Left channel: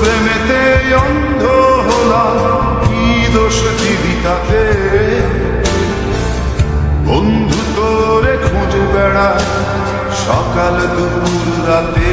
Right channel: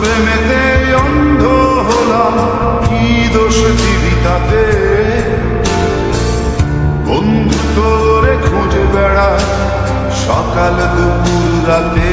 প্রেমেতে অন্ধ হলাম কি দোষ বন্ধু তোরে খুঁজে বেড়ায় সকাল দুপুর রাতে।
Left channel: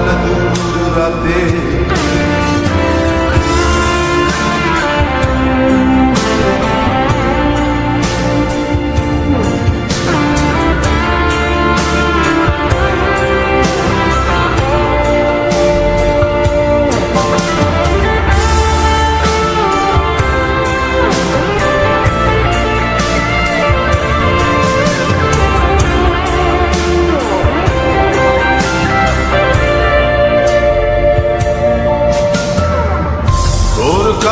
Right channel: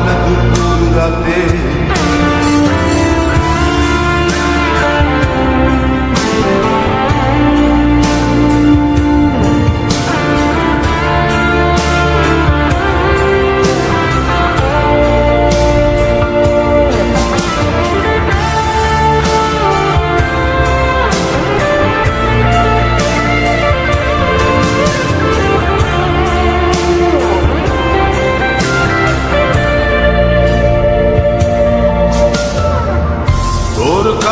সকাল দুপুর রাতে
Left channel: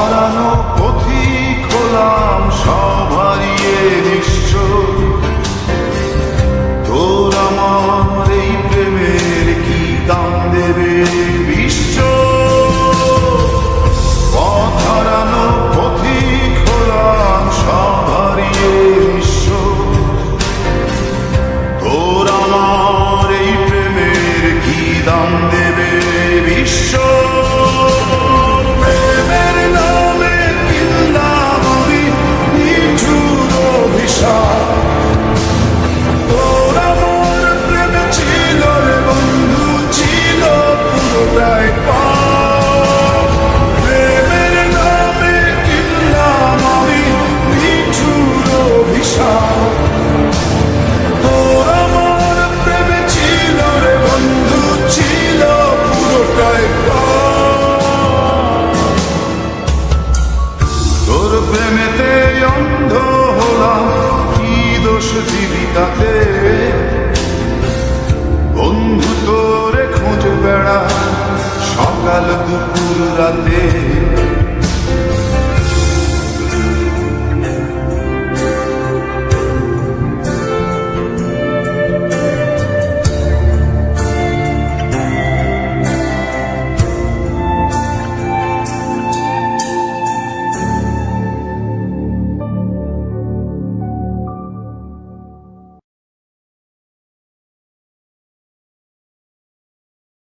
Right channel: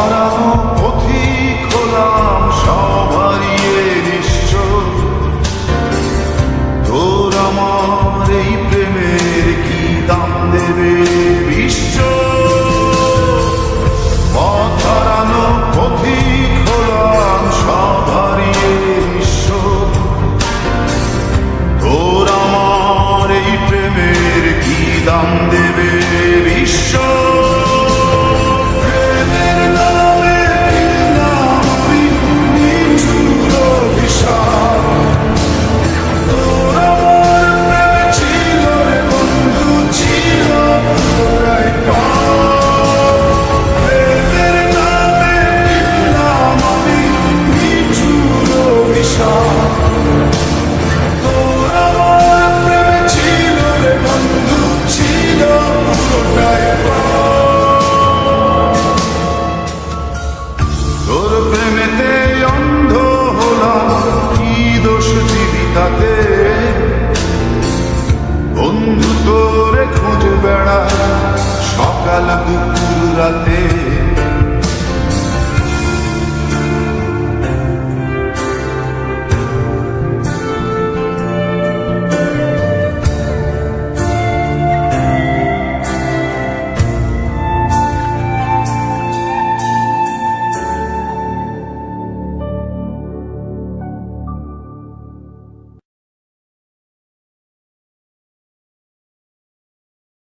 হারানো পথিক খোলাম সব হারিয়ে নিশ্চয়। তোর আমার এই প্রেমের কি দাম দেবে? অভিশাপ। তোর আমার ছিল রে বন্ধু। তোর প্রেমেতে অন্ধ হলাম, কি দোষ জীবিতাতে বন্ধু তোরে খুঁজে বেড়ায় সকাল দুপুর রাতে